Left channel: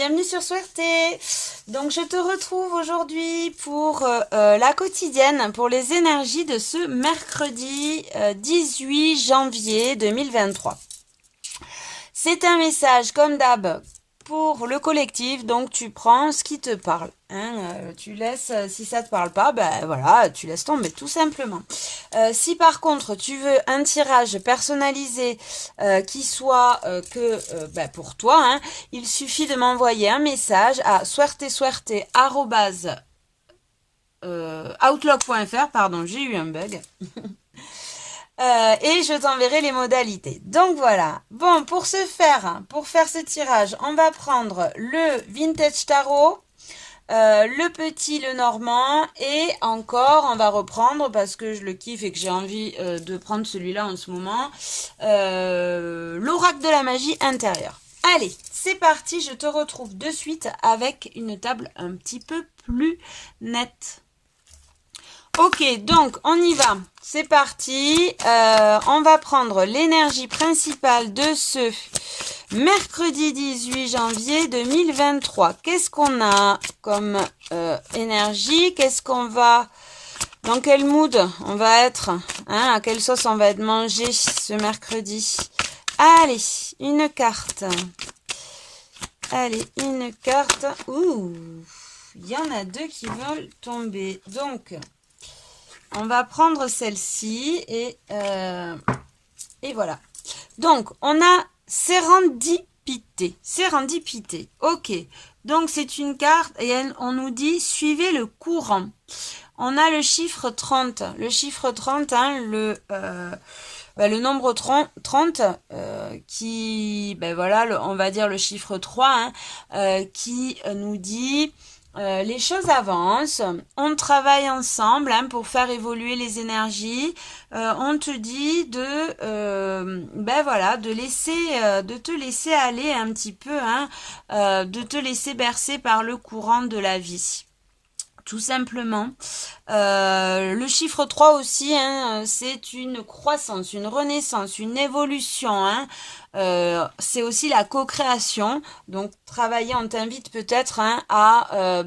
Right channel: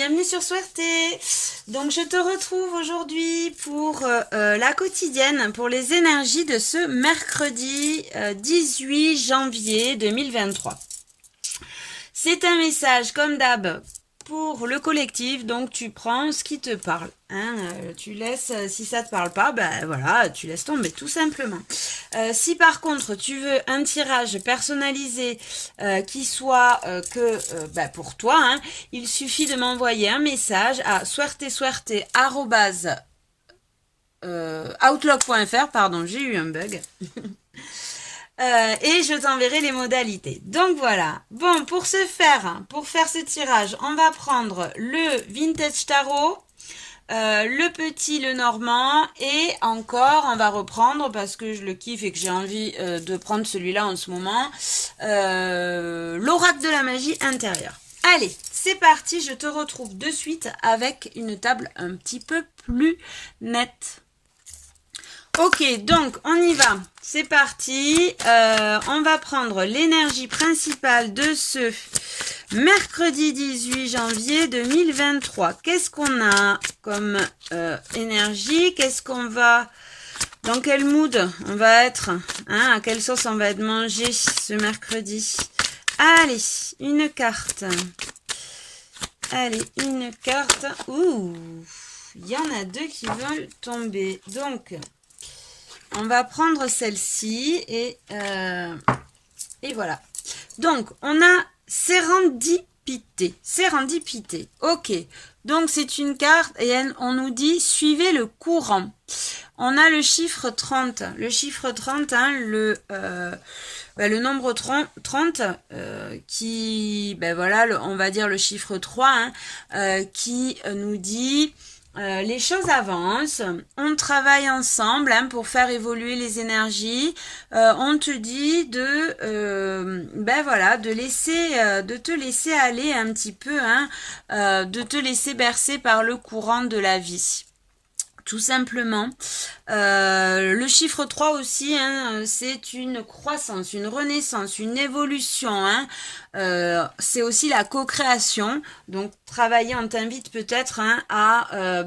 bienvenue sur Swerté. Donc je te retrouve aujourd'hui pour la quotidienne, pour les énergies de ce mercredi 18 janvier 2023. C'est un message comme d'hab pour le collectif, donc tu prends ce qui te parle. Tu laisses, si ça te parle pas, ben voilà, tu laisses tomber tout simplement. Si par contre tu veux un tirage personnalisé qui soit pour toi, il suffit de m'envoyer un message à outlook.fr, pardon, j'ai eu un bug. Et je t'enverrai les modalités. Donc voilà. Bon, pour faire ce tirage, on va prendre le Vintage Tarot, le petit, le normand, et encore, on va reprendre, parce que je le kiffe et que j'ai envie de prendre celui-là en ce moment, l'oracle de la magie intérieure. Allez, c'est parti, je te retrouve de suite avec une table un petit peu plus nette. Ok, donc on y va, c'est parti, on va prendre l'énergie principale de ce mercredi 18 janvier 2023. Qu'est-ce qu'on a comme énergie? Qu'est-ce qu'on va, dans quel mood on va être, à quelle sauce on va être mangé ce mercredi? Allez, une carte. Allez, une carte. Ouh, il y en a deux qui veulent tomber, donc... On va prendre celle-ci et voilà. Donc, on a sérendipité. Sérendipité. Ok. Donc, c'est une carte et on nous dit suivez le courant. On a le chiffre 30. Le chiffre 30, le nombre 30 qui, on va dire le chiffre 3, qui nous dit... les choses avancent, on travaille ensemble pour faire évoluer les énergies. On te dit de te laisser aller un petit peu, de te laisser bercer par le courant de la vie. Tout simplement. Le chiffre 3 aussi, c'est une croissance, une renaissance, une évolution. C'est aussi la co-création. Donc, travailler, on t'invite peut-être à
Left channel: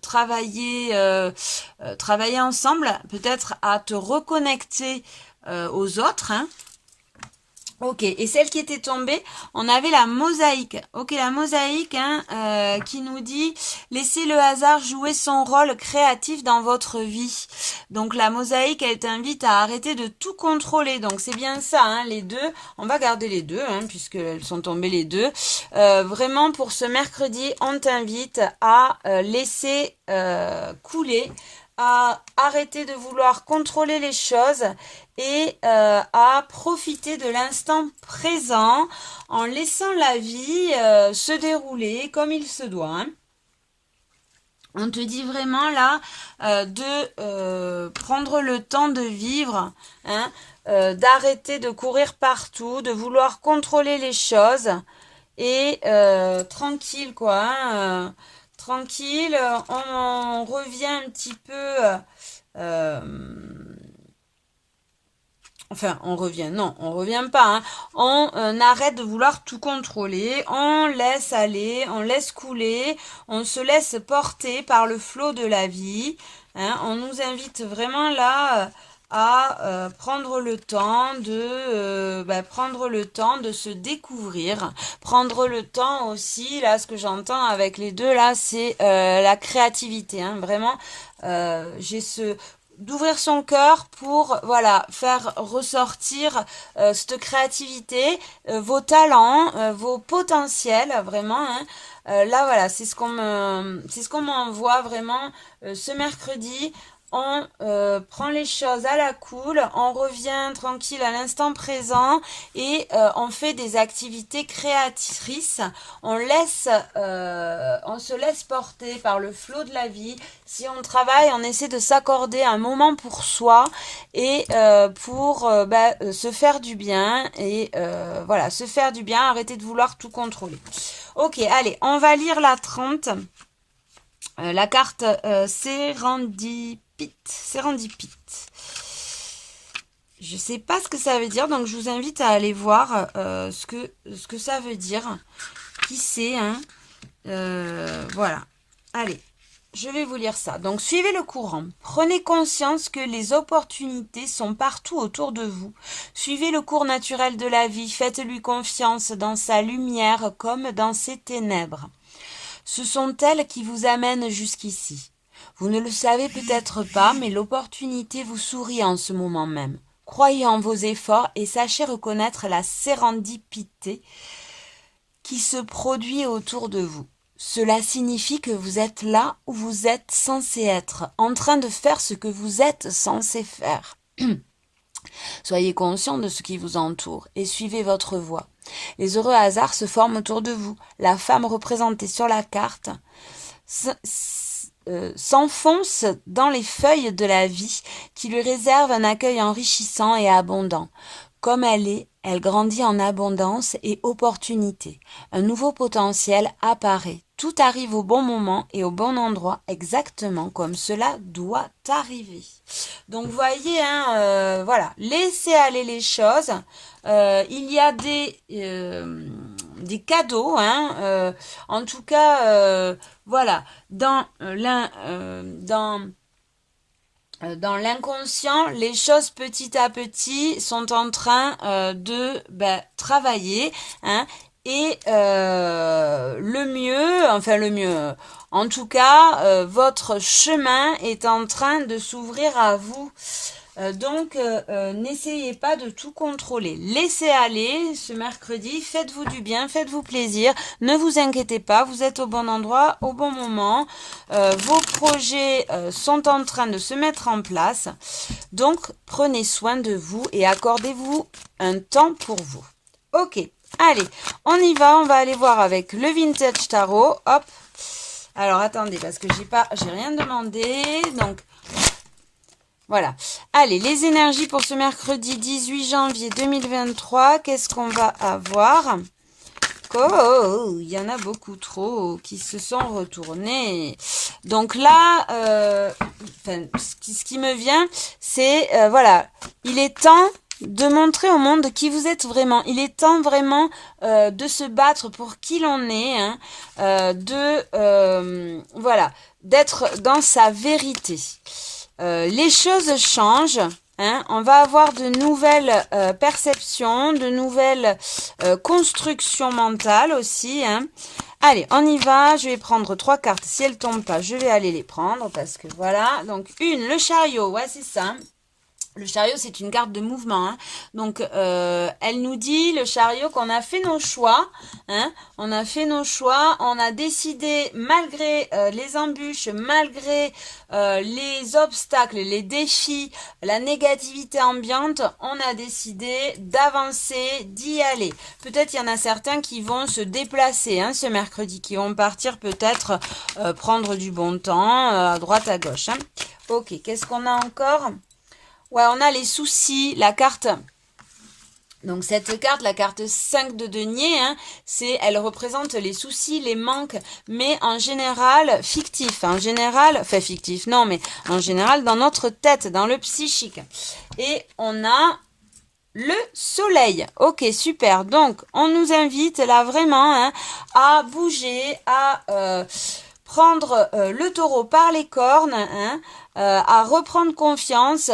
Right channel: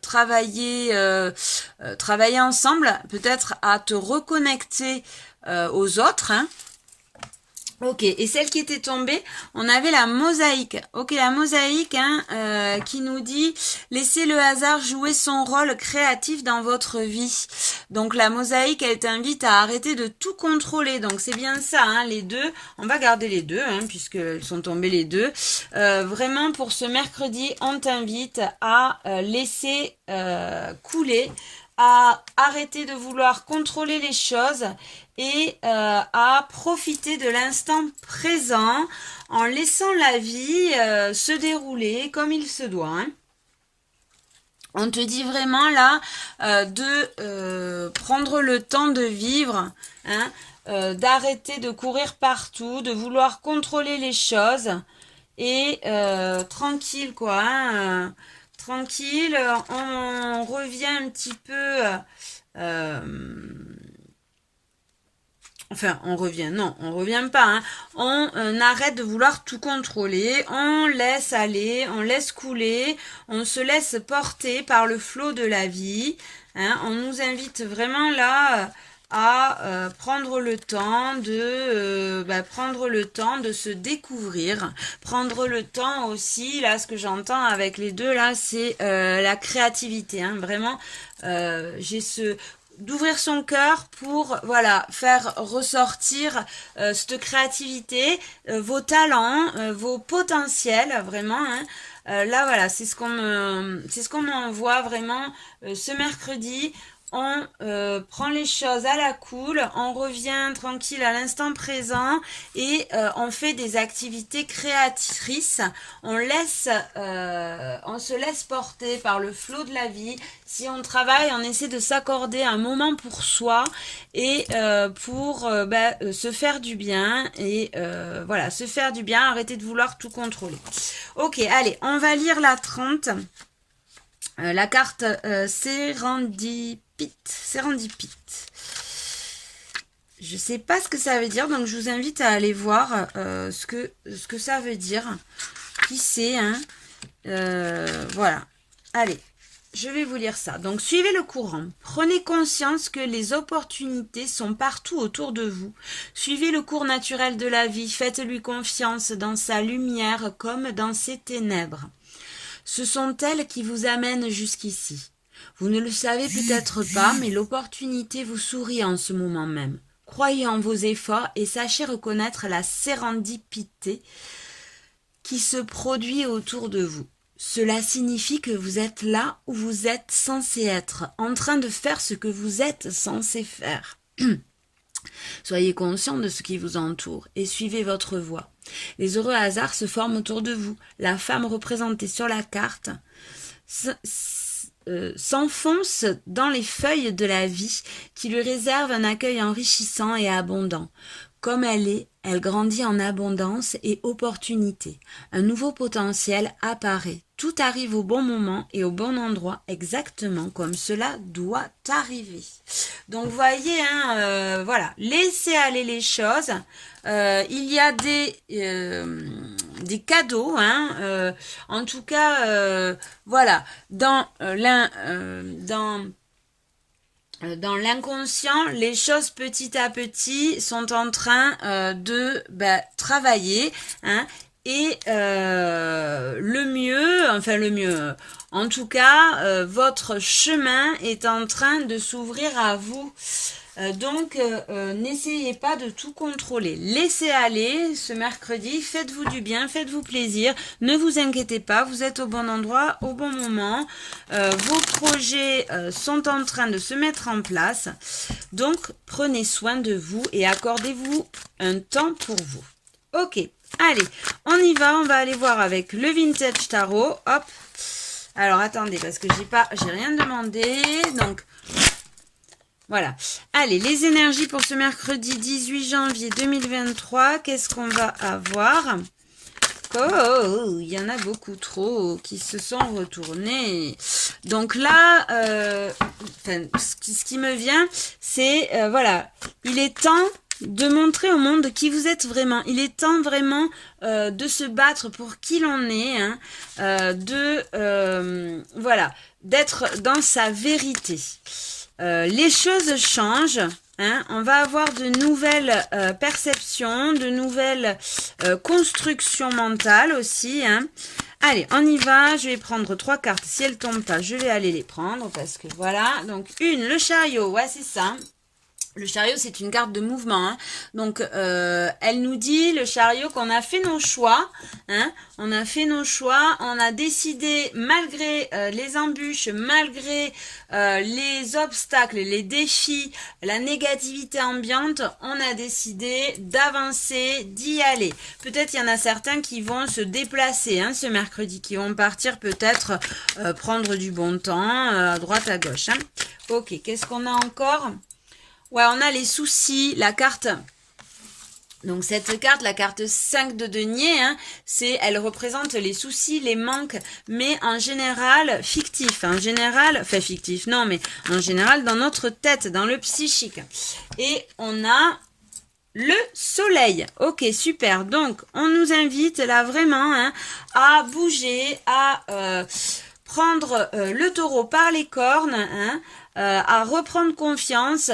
travailler ensemble, peut-être à te reconnecter aux autres. Ok, et celle qui était tombée, on avait la mosaïque. Ok, la mosaïque qui nous dit « Laissez le hasard jouer son rôle créatif dans votre vie ». Donc la mosaïque, elle t'invite à arrêter de tout contrôler. Donc c'est bien ça, les deux. On va garder les deux, puisqu'elles sont tombées les deux. Vraiment, pour ce mercredi, on t'invite à laisser couler, à arrêter de vouloir contrôler les choses et à profiter de l'instant présent en laissant la vie se dérouler comme il se doit. On te dit vraiment là de prendre le temps de vivre, d'arrêter de courir partout, de vouloir contrôler les choses et tranquille quoi. Tranquille, on revient un petit peu... on revient pas. On arrête de vouloir tout contrôler. On laisse aller, on laisse couler. On se laisse porter par le flot de la vie. On nous invite vraiment là... à prendre le temps de se découvrir, prendre le temps aussi, là ce que j'entends avec les deux là, c'est la créativité, vraiment d'ouvrir son cœur pour faire ressortir cette créativité, vos talents, vos potentiels vraiment, là voilà, c'est ce qu'on m'envoie vraiment ce mercredi. On prend les choses à la cool, on revient tranquille à l'instant présent et on fait des activités créatrices. On se laisse porter par le flot de la vie. Si on travaille, on essaie de s'accorder un moment pour soi et pour se faire du bien et se faire du bien, arrêter de vouloir tout contrôler. Ok, allez, on va lire la 30. La carte Sérendipite. Je sais pas ce que ça veut dire, donc je vous invite à aller voir ce que ça veut dire. Qui c'est, voilà. Allez, je vais vous lire ça. Donc, suivez le courant. Prenez conscience que les opportunités sont partout autour de vous. Suivez le cours naturel de la vie. Faites-lui confiance dans sa lumière comme dans ses ténèbres. Ce sont elles qui vous amènent jusqu'ici. Vous ne le savez peut-être pas, mais l'opportunité vous sourit en ce moment même. Croyez en vos efforts et sachez reconnaître la sérendipité qui se produit autour de vous. Cela signifie que vous êtes là où vous êtes censé être, en train de faire ce que vous êtes censé faire. Soyez conscient de ce qui vous entoure et suivez votre voie. Les heureux hasards se forment autour de vous. La femme représentée sur la carte s'enfonce dans les feuilles de la vie qui lui réservent un accueil enrichissant et abondant. Comme elle grandit en abondance et opportunité. Un nouveau potentiel apparaît. Tout arrive au bon moment et au bon endroit, exactement comme cela doit arriver. Donc, vous voyez, hein, voilà, laissez aller les choses. Il y a des cadeaux, hein, en tout cas, voilà, dans l'inconscient, les choses petit à petit sont en train de travailler, hein, et le mieux, en tout cas, votre chemin est en train de s'ouvrir à vous. Donc, n'essayez pas de tout contrôler. Laissez aller ce mercredi, faites-vous du bien, faites-vous plaisir. Ne vous inquiétez pas, vous êtes au bon endroit, au bon moment. Vos projets sont en train de se mettre en place. Donc, prenez soin de vous et accordez-vous un temps pour vous. Ok, allez, on y va. On va aller voir avec le Vintage Tarot. Hop. Alors, attendez, parce que j'ai rien demandé. Donc, voilà. Allez, les énergies pour ce mercredi 18 janvier 2023. Qu'est-ce qu'on va avoir? Oh, il y en a beaucoup trop qui se sont retournés. Donc là, ce qui me vient, c'est, voilà, il est temps de montrer au monde qui vous êtes vraiment. Il est temps vraiment de se battre pour qui l'on est, hein, voilà, d'être dans sa vérité. Les choses changent, hein, on va avoir de nouvelles perceptions, de nouvelles constructions mentales aussi, hein. Allez, on y va, je vais prendre 3 cartes, si elles tombent pas, je vais aller les prendre, parce que voilà, donc le chariot, ouais c'est ça. Le chariot, c'est une carte de mouvement, hein. Donc, elle nous dit, le chariot, qu'on a fait nos choix, hein. On a fait nos choix, on a décidé, malgré les embûches, malgré les obstacles, les défis, la négativité ambiante, on a décidé d'avancer, d'y aller. Peut-être il y en a certains qui vont se déplacer, hein, ce mercredi, qui vont partir peut-être prendre du bon temps, à droite, à gauche, hein. Ok, qu'est-ce qu'on a encore ? Ouais, on a les soucis, la carte. Donc cette carte, la carte 5 de denier, hein, elle représente les soucis, les manques, mais en général fictif. En général, enfin fictif, non, mais en général dans notre tête, dans le psychique. Et on a le soleil. Ok, super. Donc on nous invite là vraiment, hein, à bouger, à prendre le taureau par les cornes, hein, à reprendre confiance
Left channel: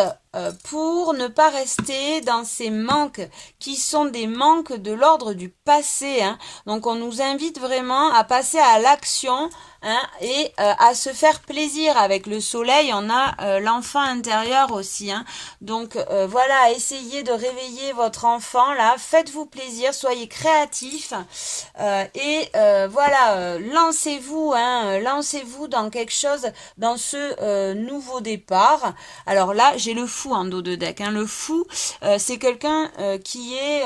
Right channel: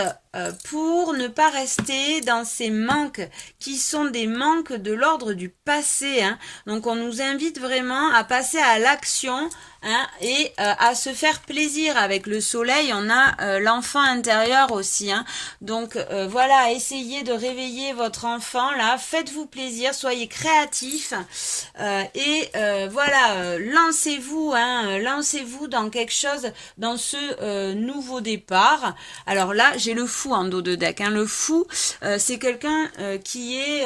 pour ne pas rester dans ces manques qui sont des manques de l'ordre du passé, hein. Donc on nous invite vraiment à passer à l'action, hein, et à se faire plaisir. Avec le soleil, on a l'enfant intérieur aussi, hein. Donc voilà, essayez de réveiller votre enfant là, faites-vous plaisir, soyez créatifs, et voilà, lancez-vous, hein, lancez-vous dans quelque chose, dans ce nouveau départ. Alors là, j'ai le fou en dos de deck, hein. Le fou, c'est quelqu'un qui est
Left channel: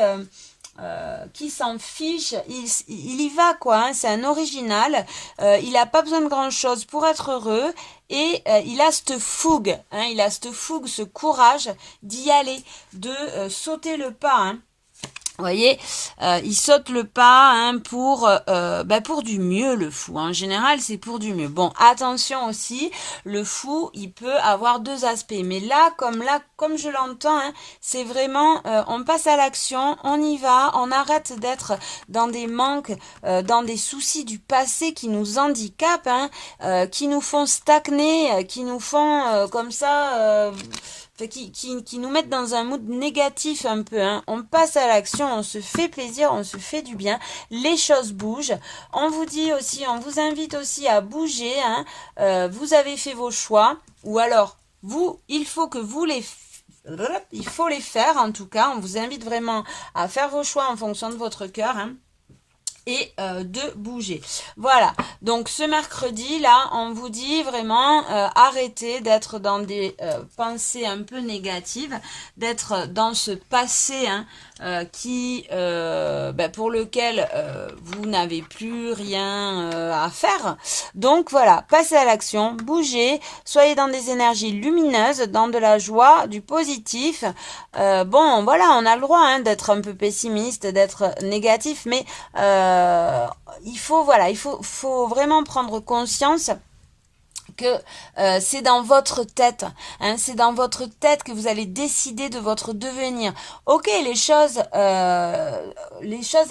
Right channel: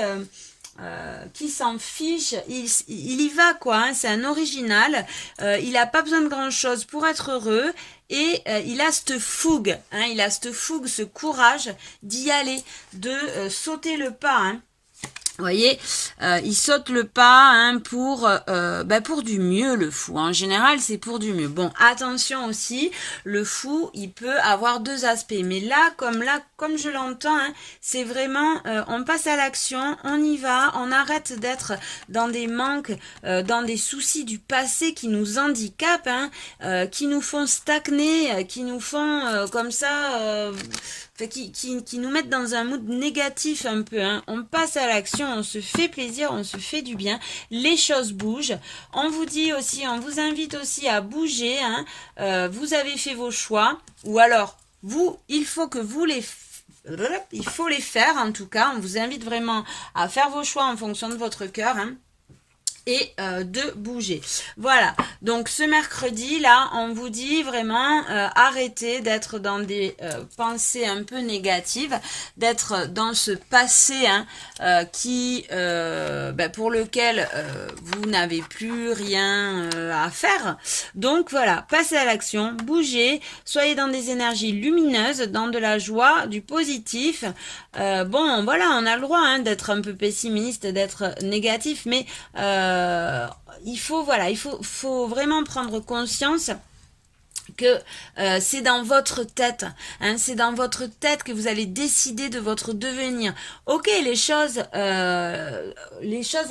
qui s'en fiche, il y va quoi, hein. C'est un original, il n'a pas besoin de grand chose pour être heureux, et il a cette fougue, hein, il a cette fougue, ce courage d'y aller, de sauter le pas, hein. Vous voyez, il saute le pas hein, pour du mieux, le fou. En général, c'est pour du mieux. Bon, attention aussi, le fou, il peut avoir deux aspects. Mais là, comme je l'entends, hein, c'est vraiment, on passe à l'action, on y va, on arrête d'être dans des manques, dans des soucis du passé qui nous handicapent, hein, qui nous font stagner, qui nous font comme ça... qui nous mettent dans un mood négatif un peu. Hein. On passe à l'action, on se fait plaisir, on se fait du bien. Les choses bougent. On vous dit aussi, on vous invite aussi à bouger. Hein. Vous avez fait vos choix. Ou alors, il faut les faire en tout cas. On vous invite vraiment à faire vos choix en fonction de votre cœur. Hein. Et de bouger. Voilà, donc ce mercredi là, on vous dit vraiment arrêtez d'être dans des pensées un peu négatives, d'être dans ce passé hein, pour lequel vous n'avez plus rien à faire. Donc voilà, passez à l'action, bougez, soyez dans des énergies lumineuses, dans de la joie, du positif. Bon, voilà, on a le droit hein, d'être un peu pessimiste, d'être négatif, mais il faut vraiment prendre conscience que c'est dans votre tête, hein, c'est dans votre tête que vous allez décider de votre devenir. Ok, les choses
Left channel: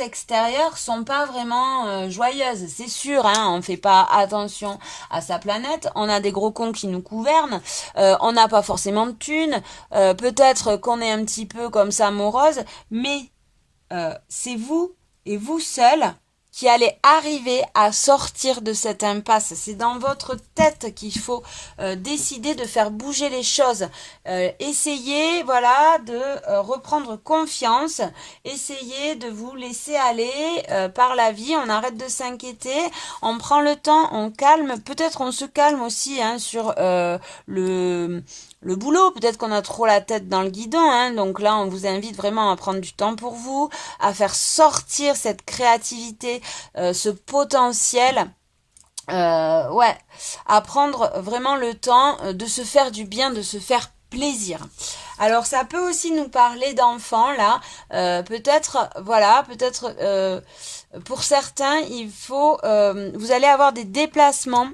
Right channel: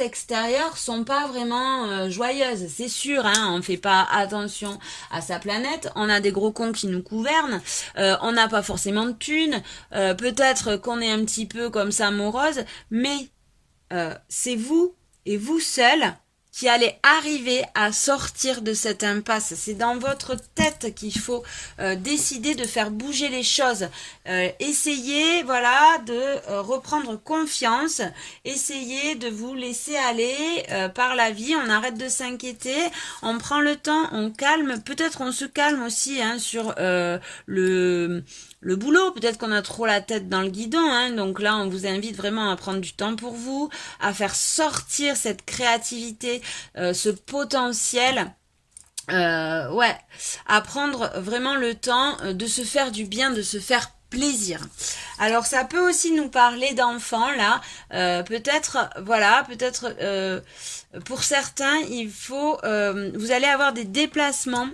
extérieures sont pas vraiment joyeuses, c'est sûr, hein, on fait pas attention à sa planète, on a des gros cons qui nous gouvernent, on n'a pas forcément de thunes, peut-être qu'on est un petit peu comme ça morose, mais c'est vous et vous seul qui allez arriver à sortir de cette impasse. C'est dans votre tête qu'il faut décider de faire bouger les choses. Essayez, voilà, de reprendre confiance. Essayez de vous laisser aller par la vie. On arrête de s'inquiéter. On prend le temps, on calme. Peut-être on se calme aussi hein, sur le boulot, peut-être qu'on a trop la tête dans le guidon, hein, donc là on vous invite vraiment à prendre du temps pour vous, à faire sortir cette créativité, ce potentiel, à prendre vraiment le temps de se faire du bien, de se faire plaisir. Alors ça peut aussi nous parler d'enfants là, peut-être pour certains il faut, vous allez avoir des déplacements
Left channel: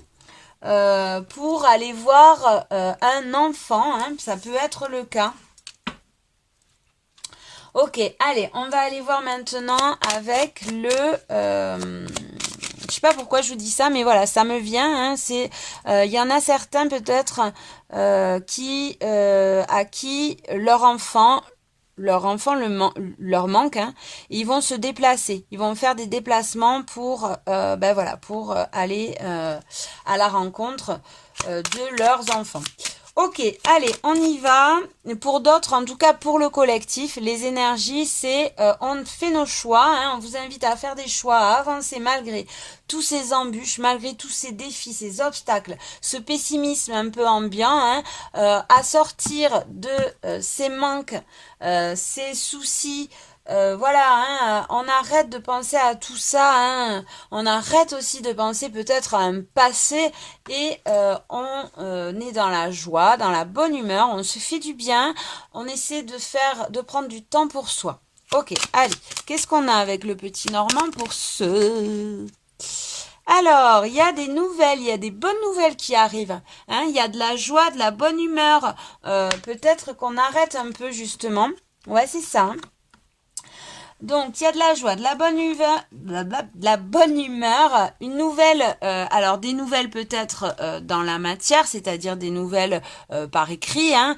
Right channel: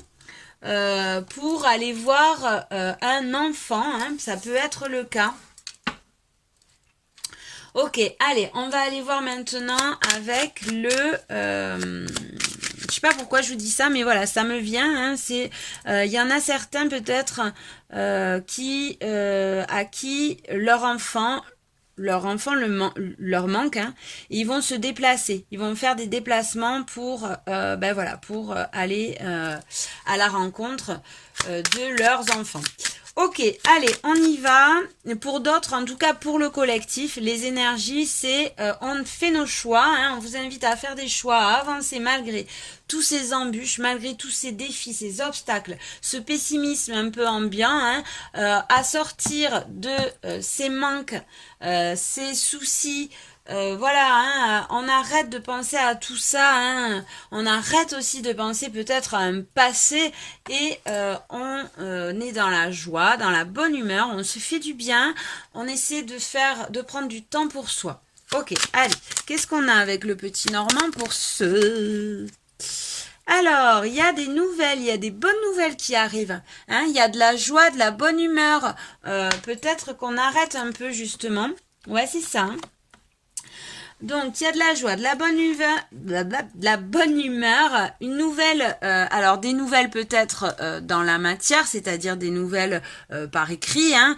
pour aller voir un enfant, hein, ça peut être le cas. Ok, allez, on va aller voir maintenant avec le... je sais pas pourquoi je vous dis ça, mais voilà, ça me vient. Hein, c'est, y en a certains peut-être à qui leur enfant leur manque, hein, ils vont se déplacer, ils vont faire des déplacements pour aller à la rencontre de leurs enfants. Ok, allez, on y va. Pour d'autres, en tout cas pour le collectif, les énergies, c'est on fait nos choix. Hein, on vous invite à faire des choix, à avancer malgré tous ces embûches, malgré tous ces défis, ces obstacles, ce pessimisme un peu ambiant, hein, à sortir de ces manques, ces soucis. On arrête de penser à tout ça, hein, on arrête aussi de penser peut-être à un passé et on est dans la joie, dans la bonne humeur, on se fait du bien, on essaie de prendre du temps pour soi. Ok, allez, qu'est-ce qu'on a avec le petit Normand pour ce... Alors, il y a des nouvelles, il y a des bonnes nouvelles qui arrivent. Hein, il y a de la joie, de la bonne humeur. Peut-être qu'on arrête un peu justement. Ouais, c'est ça. Hein. Donc, il y a de la joie, de la bonne humeur, une nouvelle, alors des nouvelles peut-être dans la matière, c'est-à-dire des nouvelles par écrit, hein,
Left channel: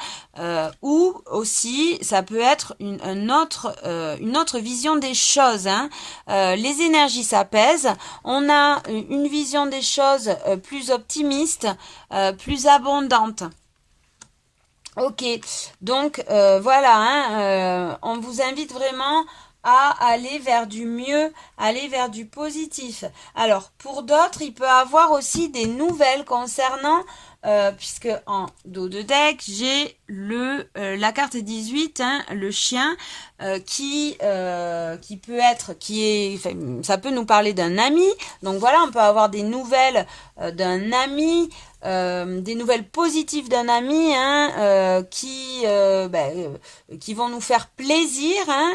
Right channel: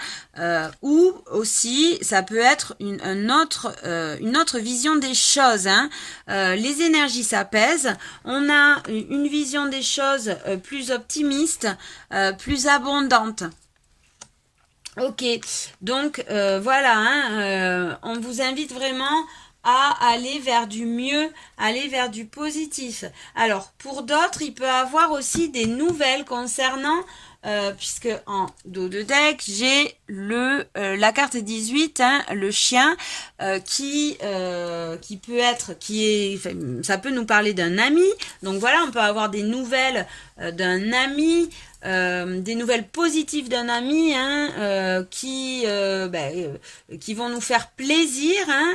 ou aussi ça peut être une autre vision des choses. Hein. Les énergies s'apaisent, on a une vision des choses plus optimiste, plus abondante. Ok, donc on vous invite vraiment à aller vers du mieux, aller vers du positif. Alors, pour d'autres, il peut avoir aussi des nouvelles concernant, puisque en dos de deck, j'ai la carte 18, hein, le chien, qui peut être, ça peut nous parler d'un ami. Donc voilà, on peut avoir des nouvelles d'un ami, des nouvelles positives d'un ami, hein, qui vont nous faire plaisir, hein,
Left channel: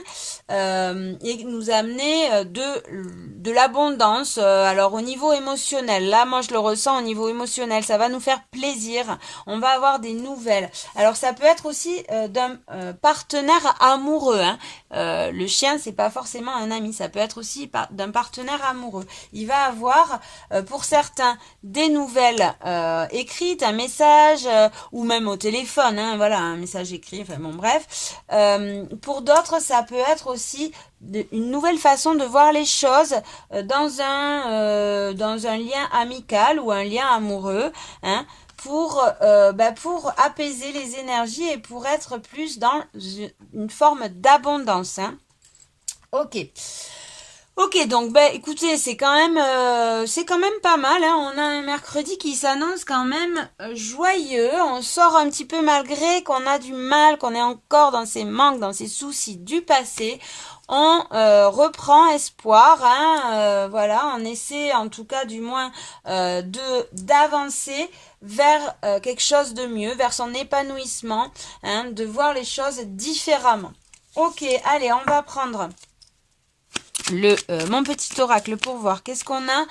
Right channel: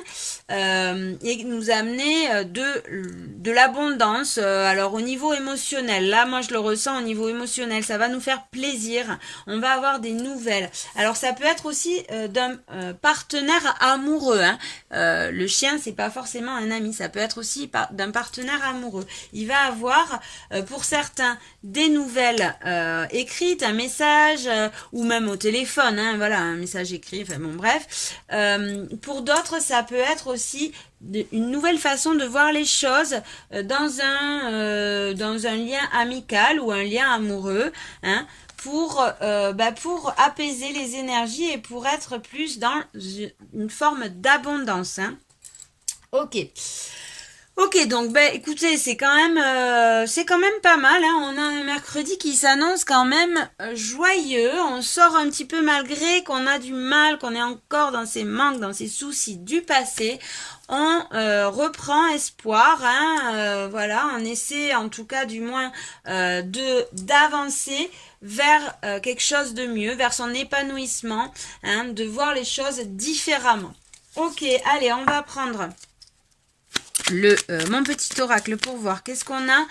et nous amener de l'abondance. Alors au niveau émotionnel, là moi je le ressens au niveau émotionnel, ça va nous faire plaisir. On va avoir des nouvelles. Alors ça peut être aussi d'un partenaire amoureux, hein. Le chien c'est pas forcément un ami, ça peut être aussi d'un partenaire amoureux. Il va avoir pour certains des nouvelles écrites, un message ou même au téléphone, hein, voilà, un message écrit, enfin bon bref. Pour d'autres ça peut être aussi une nouvelle façon de voir les choses dans un lien amical ou un lien amoureux, hein, pour apaiser les énergies et pour être plus dans une forme d'abondance, hein. Ok, donc écoutez, c'est quand même pas mal, hein. On a un mercredi qui s'annonce quand même joyeux. On sort un petit peu malgré qu'on a du mal, qu'on est encore dans ces manques, dans ces soucis du passé. On reprend espoir, hein, voilà, on essaie en tout cas du moins d'avancer vers quelque chose de mieux, vers son épanouissement, hein, de voir les choses différemment. Ok, allez, on va prendre mon petit oracle pour voir qu'est-ce qu'on a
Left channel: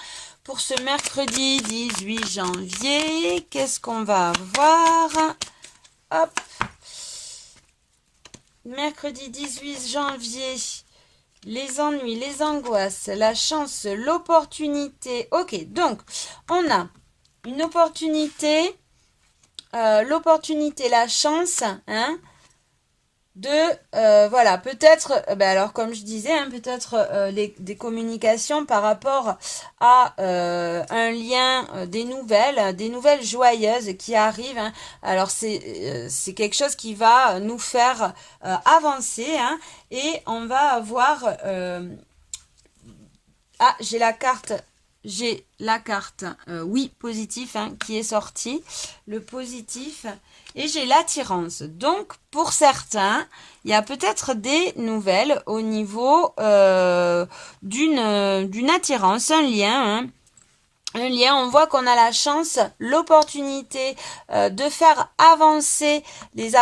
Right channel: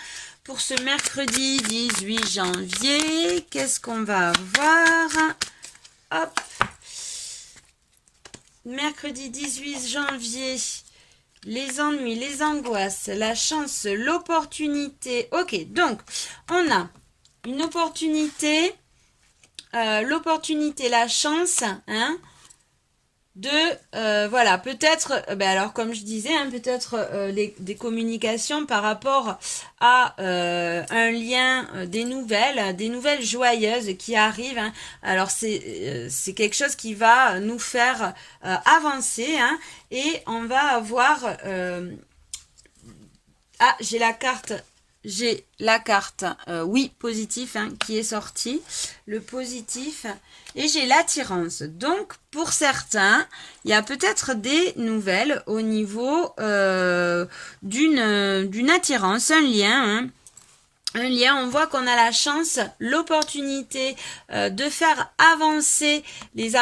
pour ce mercredi 18 janvier. Qu'est-ce qu'on va avoir? Hop. Mercredi 18 janvier. Les ennuis, les angoisses, la chance, l'opportunité. Ok, donc on a une opportunité, la chance, hein, voilà, peut-être, alors comme je disais, hein, peut-être des communications par rapport à un lien, des nouvelles joyeuses qui arrivent, hein. Alors c'est quelque chose qui va nous faire avancer, hein, et on va avoir j'ai la carte oui positif, hein, qui est sortie, le positif. Et j'ai l'attirance. Donc, pour certains, il y a peut-être des nouvelles au niveau d'une attirance, un lien. Hein. Un lien, on voit qu'on a la chance, l'opportunité de faire avancer des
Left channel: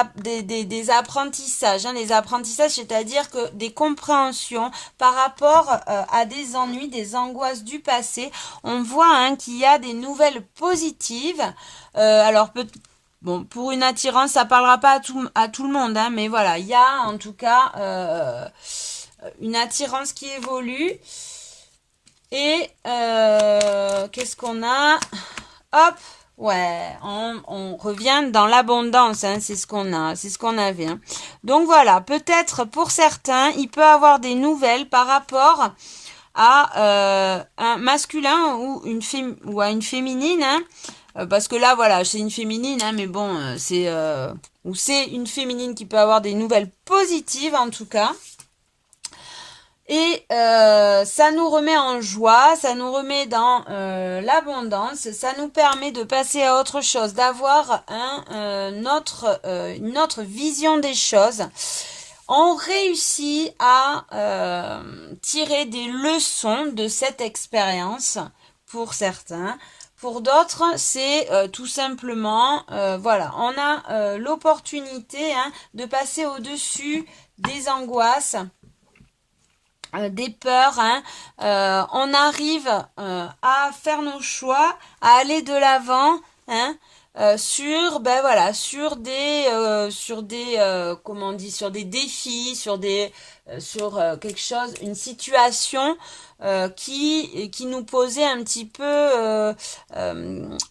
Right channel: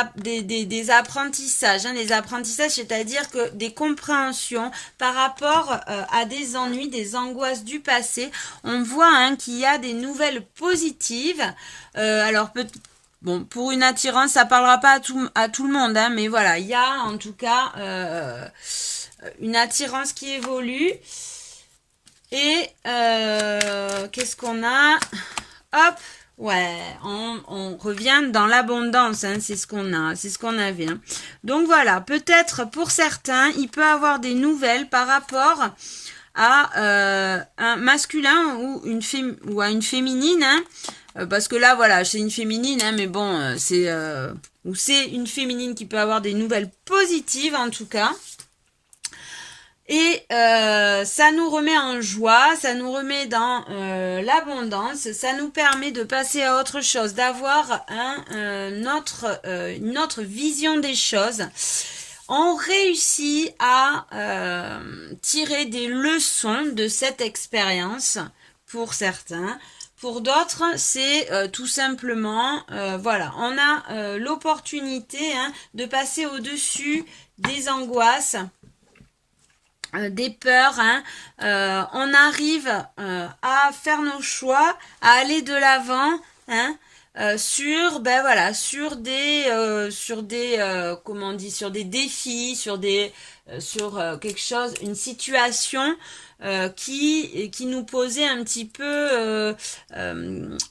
apprentissages. Hein, des apprentissages, c'est-à-dire que des compréhensions par rapport à des ennuis, des angoisses du passé. On voit, hein, qu'il y a des nouvelles positives. Alors, bon, pour une attirance, ça parlera pas à tout le monde, hein, mais voilà, il y a en tout cas une attirance qui évolue. Et qu'est-ce qu'on a? Hop, ouais, on revient dans l'abondance, hein, c'est ce qu'on avait. Hein. Donc voilà, peut-être pour certains, il peut avoir des nouvelles par rapport à un masculin ou à une féminine, hein. Parce que là, voilà, c'est une féminine, hein, mais bon, c'est une féminine qui peut avoir des nouvelles positives, en tout cas. Et ça nous remet en joie, ça nous remet dans l'abondance, ça nous permet de passer à autre chose, d'avoir une autre vision des choses. On réussit à tirer des leçons de cette expérience pour certains. Pour d'autres, c'est tout simplement, voilà, on a l'opportunité, hein, de passer au-dessus des angoisses, des peurs, hein. On arrive à faire nos choix, à aller de l'avant, hein, sur des défis, sur quelque chose, une situation qui nous posait un petit peu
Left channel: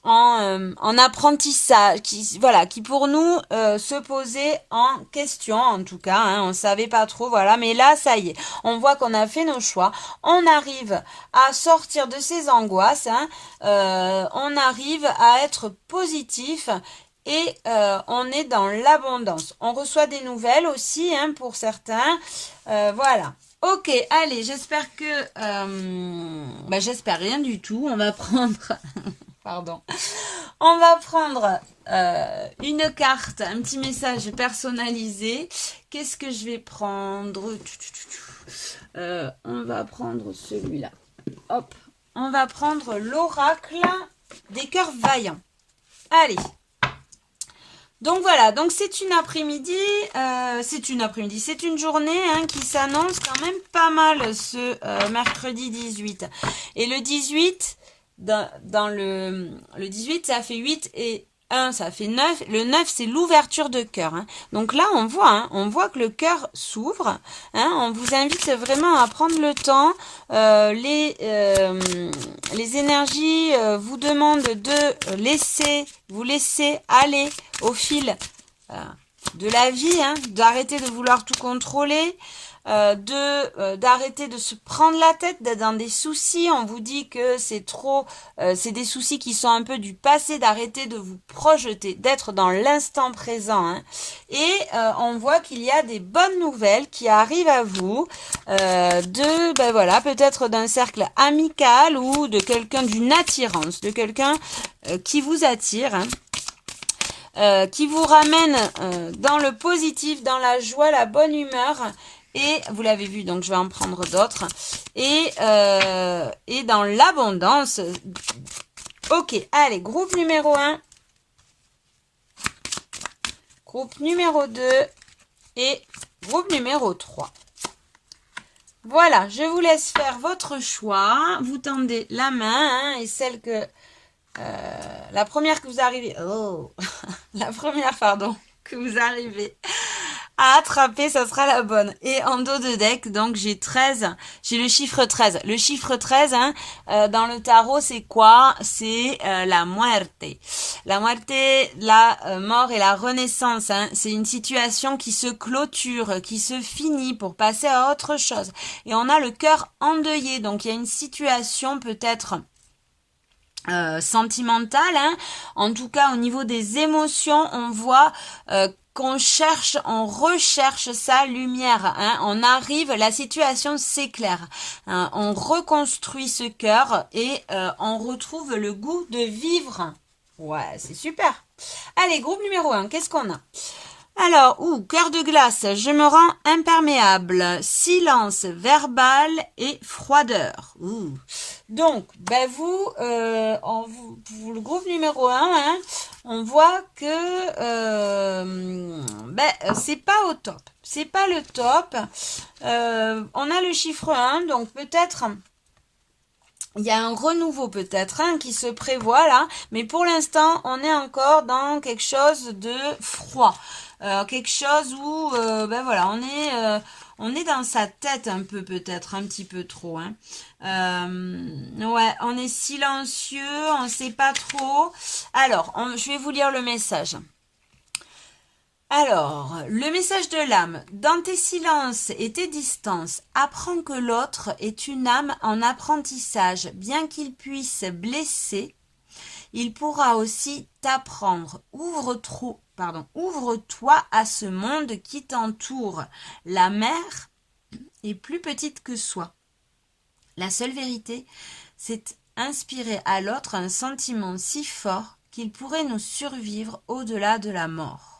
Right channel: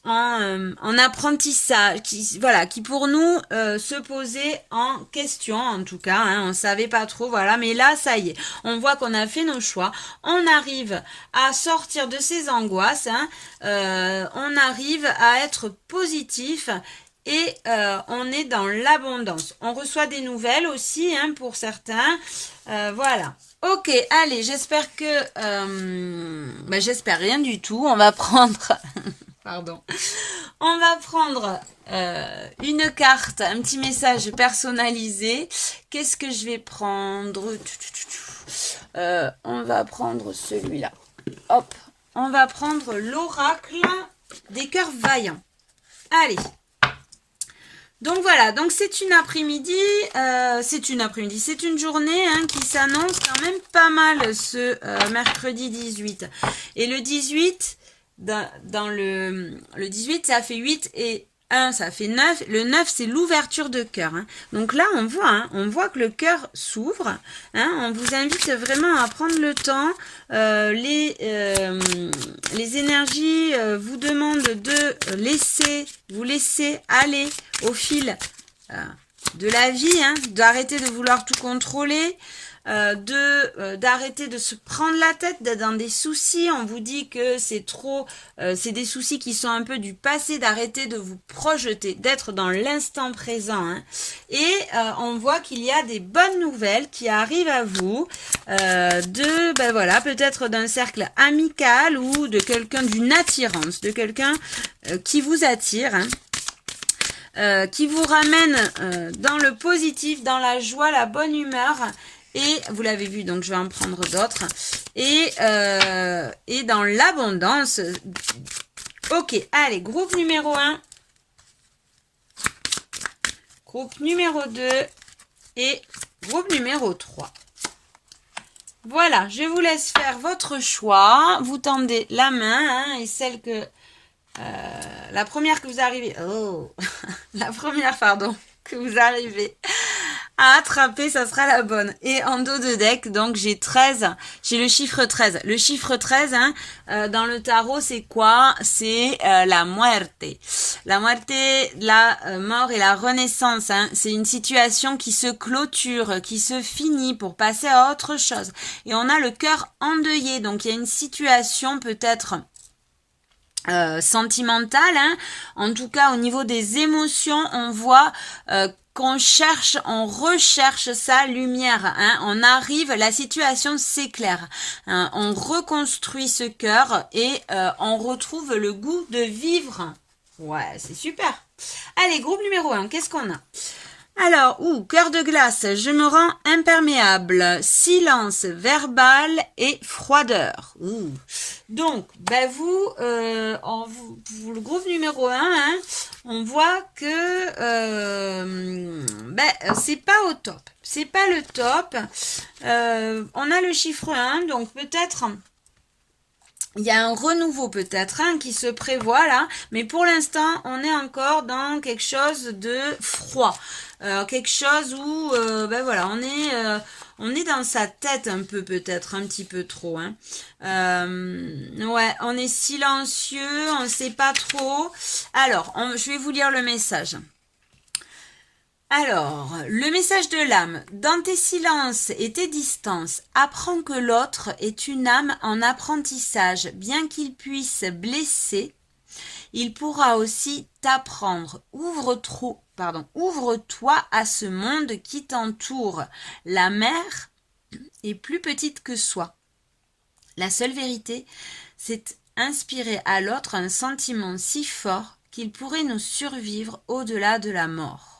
en apprentissage, qui pour nous se posait en question, en tout cas, hein, on savait pas trop, voilà, mais là ça y est, on voit qu'on a fait nos choix, on arrive à sortir de ces angoisses, hein, on arrive à être positif. Et on est dans l'abondance. On reçoit des nouvelles aussi, hein, pour certains. Voilà. Ok, allez, j'espère que... j'espère rien du tout. On va prendre... Pardon. On va prendre une carte, un petit message personnalisé. Qu'est-ce que je vais prendre? On va prendre celui-là. Hop. On va prendre l'oracle des cœurs vaillants. Allez. Donc voilà, donc c'est une après-midi, c'est une journée hein, qui s'annonce quand même pas mal ce mercredi 18. Et le 18, dans le 18, ça fait 8 et 1, ça fait 9. Le 9, c'est l'ouverture de cœur. Hein. Donc là, on voit que le cœur s'ouvre. Hein. On vous invite vraiment à prendre le temps. Les énergies vous demandent de vous laisser aller au fil de la vie, hein, d'arrêter de vouloir tout contrôler, d'arrêter de se prendre la tête, d'être dans des soucis. On vous dit que c'est trop, c'est des soucis qui sont un peu du passé, d'arrêter de vous projeter, d'être dans l'instant présent. Hein. Et on voit qu'il y a des bonnes nouvelles qui arrivent à vous, voilà, peut-être d'un cercle amical ou de quelqu'un, d'une attirance, de quelqu'un qui vous attire. Hein. Qui vous ramène dans le positif, dans la joie, la bonne humeur. Et vous l'avez vu, donc je vais en prendre d'autres. Et dans l'abondance. Ok, allez, groupe numéro 1. Groupe numéro 2. Et groupe numéro 3. Voilà, je vous laisse faire votre choix. Vous tendez la main hein, et celle que... la première que vous arrivez... Oh la première, pardon, que vous arrivez à attraper, ça sera la bonne. Et en dos de deck, donc j'ai 13, j'ai le chiffre 13. Le chiffre 13, hein, dans le tarot, c'est quoi? C'est la muerte. La muerte, la mort et la renaissance. Hein. C'est une situation qui se clôture, qui se finit pour passer à autre chose. Et on a le cœur endeuillé, donc il y a une situation peut-être... sentimentale, hein. En tout cas au niveau des émotions, on voit on recherche sa lumière, hein. On arrive, la situation s'éclaire, hein. On reconstruit ce cœur et on retrouve le goût de vivre. Ouais, c'est super. Allez, groupe numéro 1, qu'est-ce qu'on a? Alors, cœur de glace, je me rends imperméable, silence verbal et froideur. Donc, vous, le groupe numéro 1, hein, on voit que c'est pas au top. C'est pas le top. On a le chiffre 1, donc peut-être... Il y a un renouveau peut-être hein, qui se prévoit là, mais pour l'instant, on est encore dans quelque chose de froid. Quelque chose où, voilà, on est dans sa tête un peu peut-être, un petit peu trop. Hein. Ouais, on est silencieux, on ne sait pas trop. Alors, je vais vous lire le message. Alors, le message de l'âme. Dans tes silences et tes distances, apprends que l'autre est une âme en apprentissage. Bien qu'il puisse blesser, il pourra aussi t'apprendre. Ouvre-toi à ce monde qui t'entoure. La mer est plus petite que soi. La seule vérité, c'est inspirer à l'autre un sentiment si fort qu'il pourrait nous survivre au-delà de la mort.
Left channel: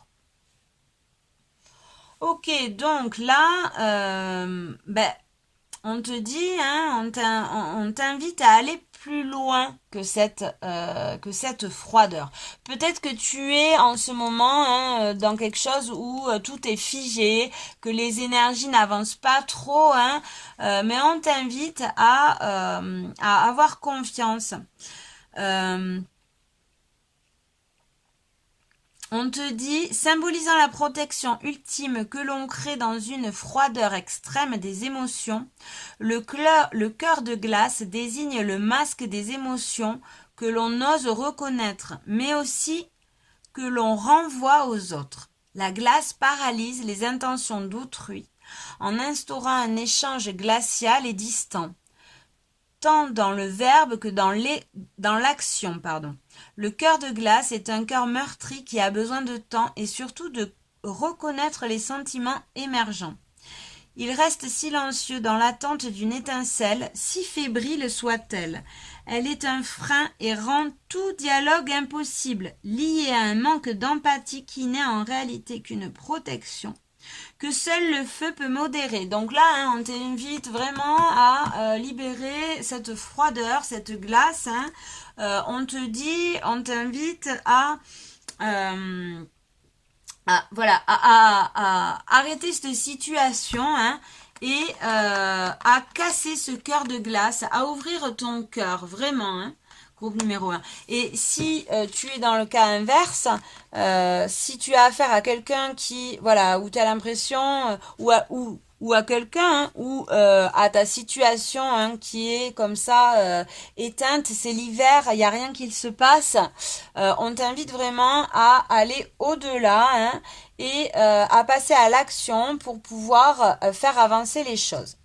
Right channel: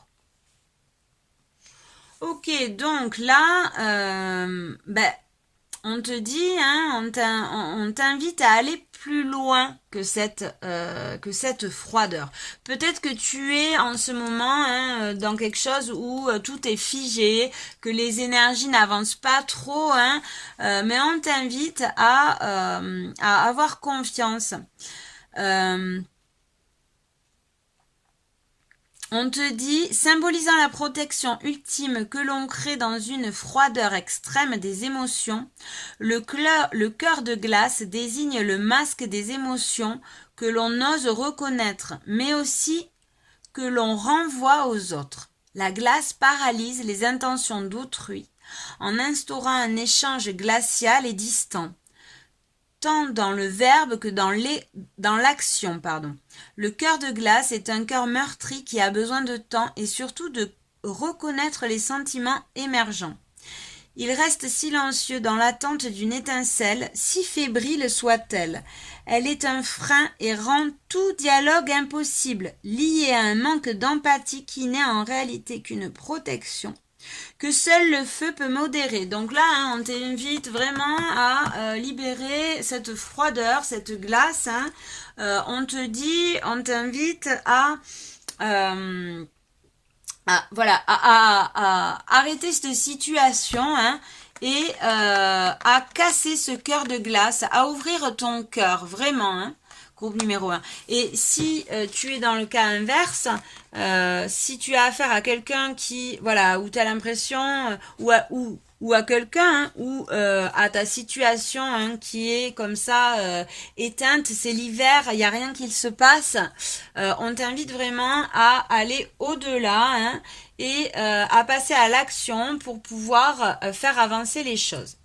Ok, donc là, on te dit, hein, on t'invite à aller plus loin que cette froideur. Peut-être que tu es en ce moment hein, dans quelque chose où tout est figé, que les énergies n'avancent pas trop, hein, mais on t'invite à avoir confiance. On te dit, symbolisant la protection ultime que l'on crée dans une froideur extrême des émotions, le cœur de glace désigne le masque des émotions que l'on ose reconnaître, mais aussi que l'on renvoie aux autres. La glace paralyse les intentions d'autrui en instaurant un échange glacial et distant. Tant dans le verbe que dans l'action, Le cœur de glace est un cœur meurtri qui a besoin de temps et surtout de reconnaître les sentiments émergents. Il reste silencieux dans l'attente d'une étincelle, si fébrile soit-elle. Elle est un frein et rend tout dialogue impossible, lié à un manque d'empathie qui n'est en réalité qu'une protection que seul le feu peut modérer. Donc là, hein, on t'invite vraiment à libérer cette froideur, cette glace. Hein. On t'invite voilà, à arrêter cette situation, hein, et à casser ce cœur de glace, à ouvrir ton cœur, vraiment, hein, groupe numéro 1. Et si tu es dans le cas inverse, si tu as affaire à quelqu'un qui, voilà, où tu as l'impression, ou à quelqu'un, hein, ou à ta situation, hein, qui est comme ça éteinte, c'est l'hiver, il n'y a rien qui se passe, on t'invite vraiment à aller au-delà, hein, et à passer à l'action pour pouvoir faire avancer les choses.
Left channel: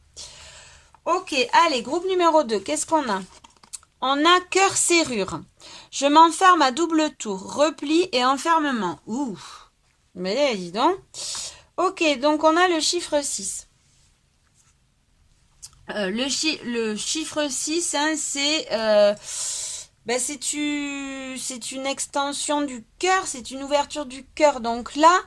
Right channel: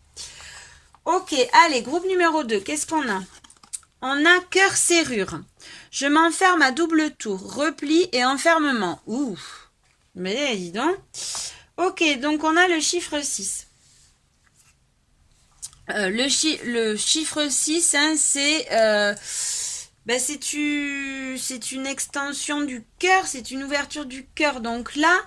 Ok, allez, groupe numéro 2, qu'est-ce qu'on a? On a cœur serrure. Je m'enferme à double tour, repli et enfermement. Ouh, mais dis donc. Ok, donc on a le chiffre 6. Le chiffre 6, hein, c'est une extension du cœur, c'est une ouverture du cœur. Donc là,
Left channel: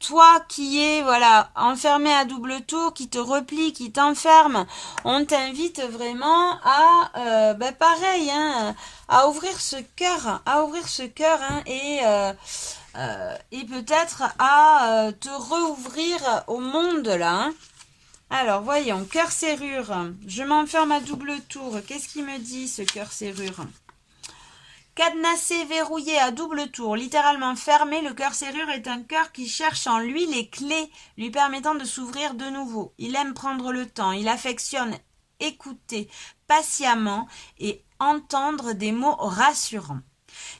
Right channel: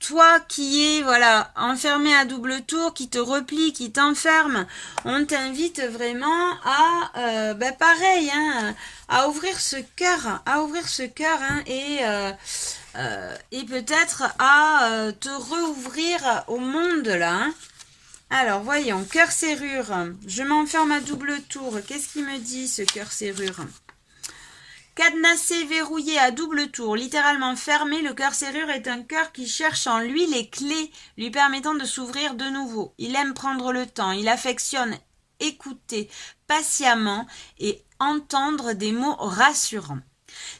toi qui es, voilà, enfermé à double tour, qui te replie, qui t'enferme, on t'invite vraiment à, pareil, hein, à ouvrir ce cœur, hein, et peut-être à te rouvrir au monde là. Hein. Alors, voyons, cœur serrure, je m'enferme à double tour. Qu'est-ce qu'il me dit, ce cœur serrure? Cadenassé, verrouillé à double tour, littéralement fermé, le cœur serrure est un cœur qui cherche en lui les clés lui permettant de s'ouvrir de nouveau. Il aime prendre le temps, il affectionne écouter patiemment et entendre des mots rassurants.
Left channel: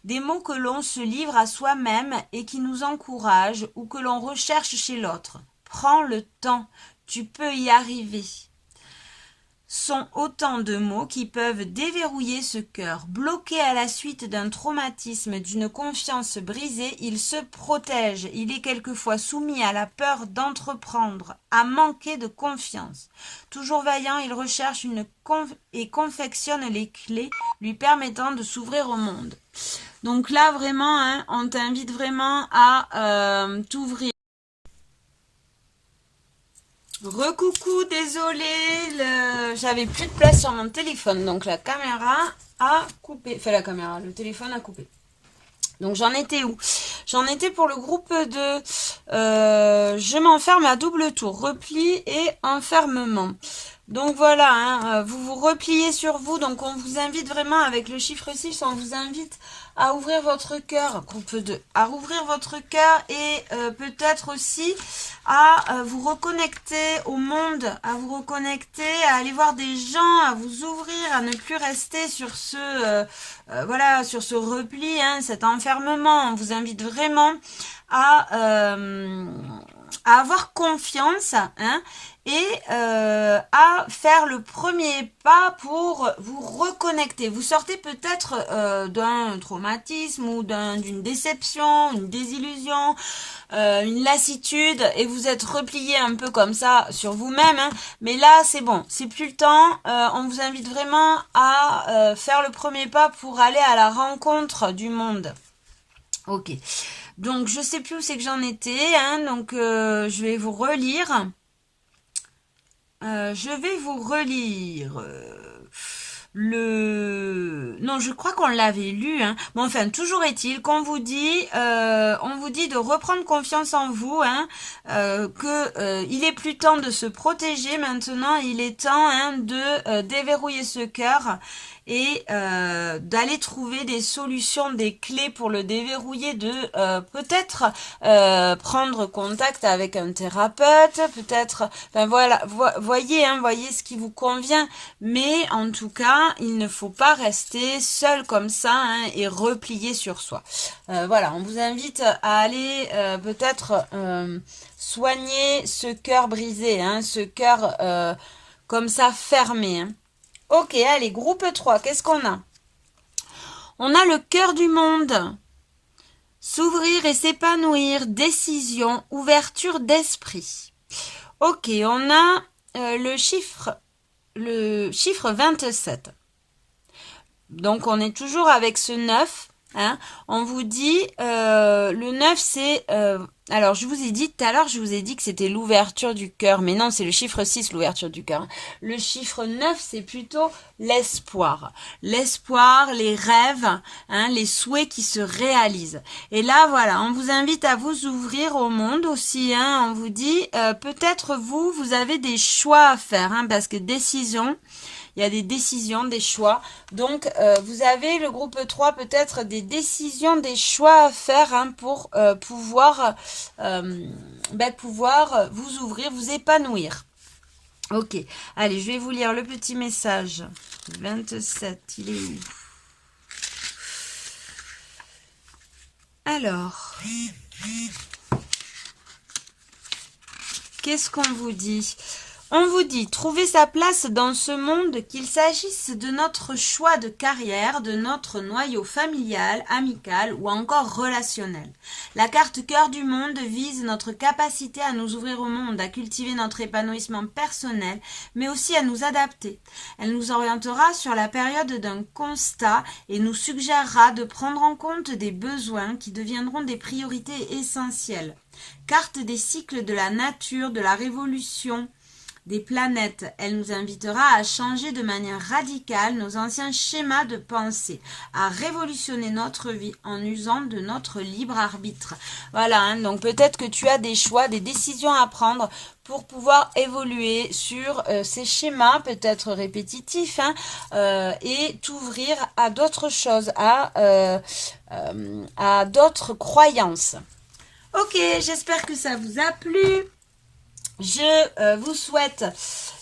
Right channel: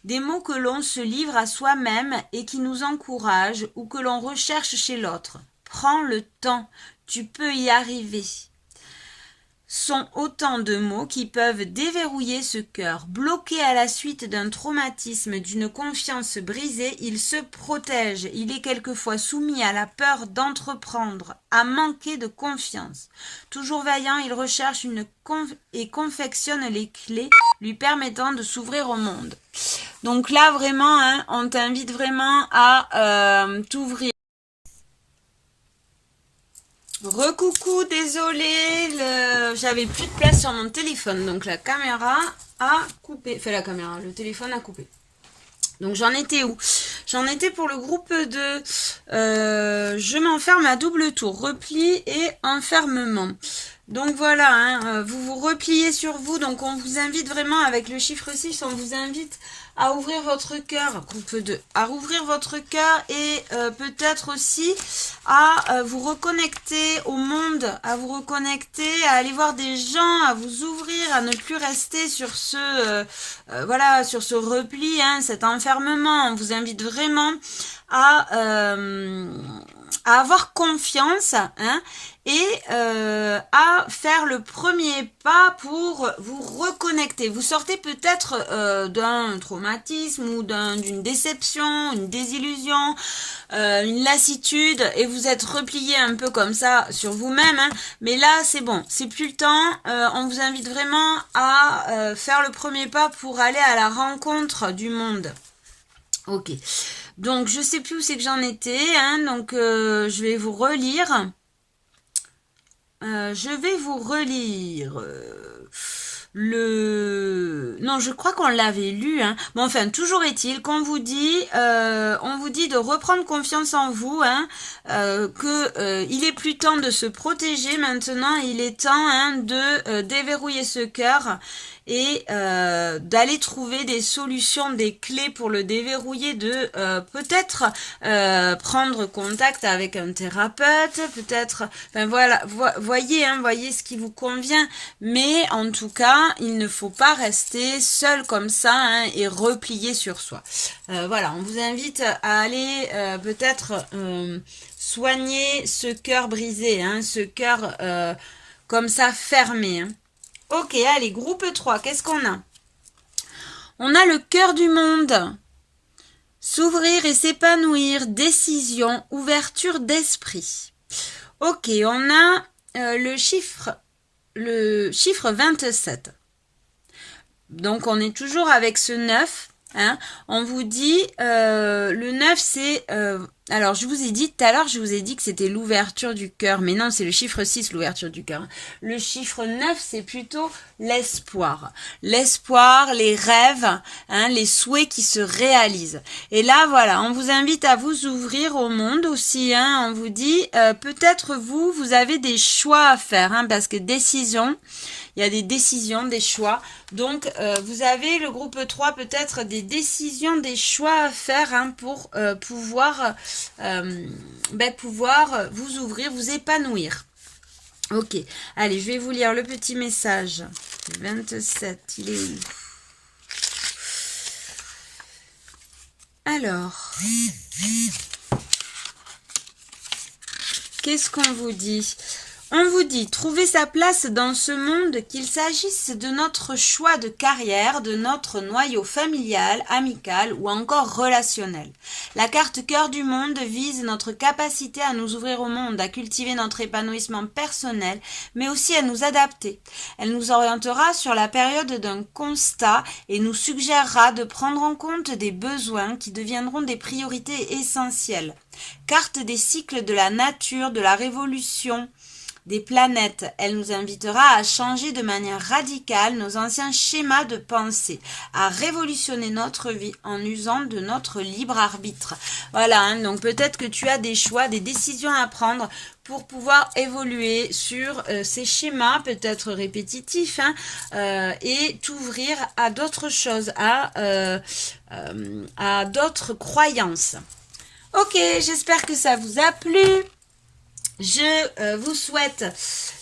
Des mots que l'on se livre à soi-même et qui nous encouragent ou que l'on recherche chez l'autre. Prends le temps. Tu peux y arriver. Sont autant de mots qui peuvent déverrouiller ce cœur. Bloqué à la suite d'un traumatisme, d'une confiance brisée, il se protège. Il est quelquefois soumis à la peur d'entreprendre, à manquer de confiance. Toujours vaillant, il recherche et confectionne les clés lui permettant de s'ouvrir au monde. Donc là, vraiment, hein, on t'invite vraiment à t'ouvrir. Recoucou, désolé, j'avais plus de place sur mon téléphone, donc la caméra a coupé, le téléphone a coupé. Donc j'en étais où? J'en étais pour le groupe de je m'enferme à double tour, repli et enfermement. Donc voilà, hein, vous vous repliez sur vous, donc on vous invite vraiment avec le chiffre 6, on vous invite à ouvrir votre cœur, groupe 2, à rouvrir votre cœur et peut-être aussi à vous reconnecter au monde, à vous reconnecter, à aller voir des gens, à vous ouvrir, à ne plus rester sur ce sur ce repli, hein, cet enfermement. On vous invite vraiment à avoir confiance, hein, et à faire le premier pas pour vous reconnecter. Vous sortez peut-être d'un traumatisme ou d'une déception, une désillusion, une lassitude, et vous êtes replié un peu comme ça sur vous-même, hein. Mais là c'est bon, c'est plus le temps. On vous invite vraiment à faire le premier pas pour aller à la rencontre du monde. Ok, donc je sais plus où c'est que j'en étais, hein, donc je vais vous relire. Non, je crois qu'on l'avait lu, hein. Bon, enfin, toujours est-il qu'on vous dit, on vous dit de reprendre confiance en vous, hein, il est plus temps de se protéger maintenant. Il est temps, hein, de déverrouiller ce cœur et d'aller trouver des solutions, des clés pour le déverrouiller, de peut-être prendre contact avec un thérapeute, peut-être, enfin voilà, voyez ce qui vous convient, mais en tout cas, il ne faut pas rester seul comme ça, hein, et replié sur soi. Voilà, on vous invite à aller peut-être soigner ce cœur brisé, hein, ce cœur comme ça fermé, hein. Ok, allez, groupe 3, qu'est-ce qu'on a? On a le cœur du monde. S'ouvrir et s'épanouir, décision, ouverture d'esprit. Ok, on a le chiffre 27. Donc, on est toujours avec ce 9. Hein. On vous dit, le 9, c'est... alors, je vous ai dit, tout à l'heure, je vous ai dit que c'était l'ouverture du cœur. Mais non, c'est le chiffre 6, l'ouverture du cœur. Le chiffre 9, c'est plutôt l'espoir. L'espoir, les rêves, hein, les souhaits qui se réalisent. Et là, voilà, on vous invite à vous ouvrir au monde aussi. Hein. On vous dit, peut-être vous avez des choix à faire. Hein, parce que décision... Il y a des décisions, des choix. Donc, vous avez le groupe 3, peut-être des décisions, des choix à faire hein, pour pouvoir vous ouvrir, vous épanouir. Ok, allez, je vais vous lire le petit message. 27, il est où? Alors, qu'est-ce qu'on vous dit ? On vous dit, trouver sa place dans ce monde, qu'il s'agisse de notre choix de carrière, de notre noyau familial, amical ou encore relationnel. La carte cœur du monde vise notre capacité à nous ouvrir au monde, à cultiver notre épanouissement personnel, mais aussi à nous adapter. Elle nous orientera sur la période d'un constat et nous suggérera de prendre en compte des besoins qui deviendront des priorités essentielles. Carte des cycles de la nature, de la révolution, des planètes. Elle nous invitera à changer de manière radicale nos anciens schémas de pensée, à révolutionner notre vie en usant de notre libre arbitre. Voilà, hein, donc peut-être que tu as des choix, des décisions à prendre pour pouvoir évoluer sur ces schémas peut-être répétitifs hein, et t'ouvrir à d'autres choses, à d'autres croyances. Ok, j'espère que ça vous a plu. Je vous souhaite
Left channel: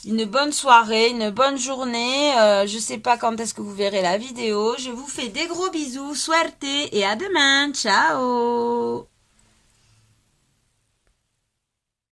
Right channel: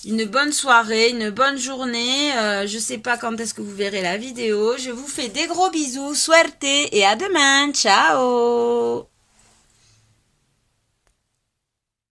une bonne soirée, une bonne journée. Je ne sais pas quand est-ce que vous verrez la vidéo. Je vous fais des gros bisous, suerte et à demain. Ciao!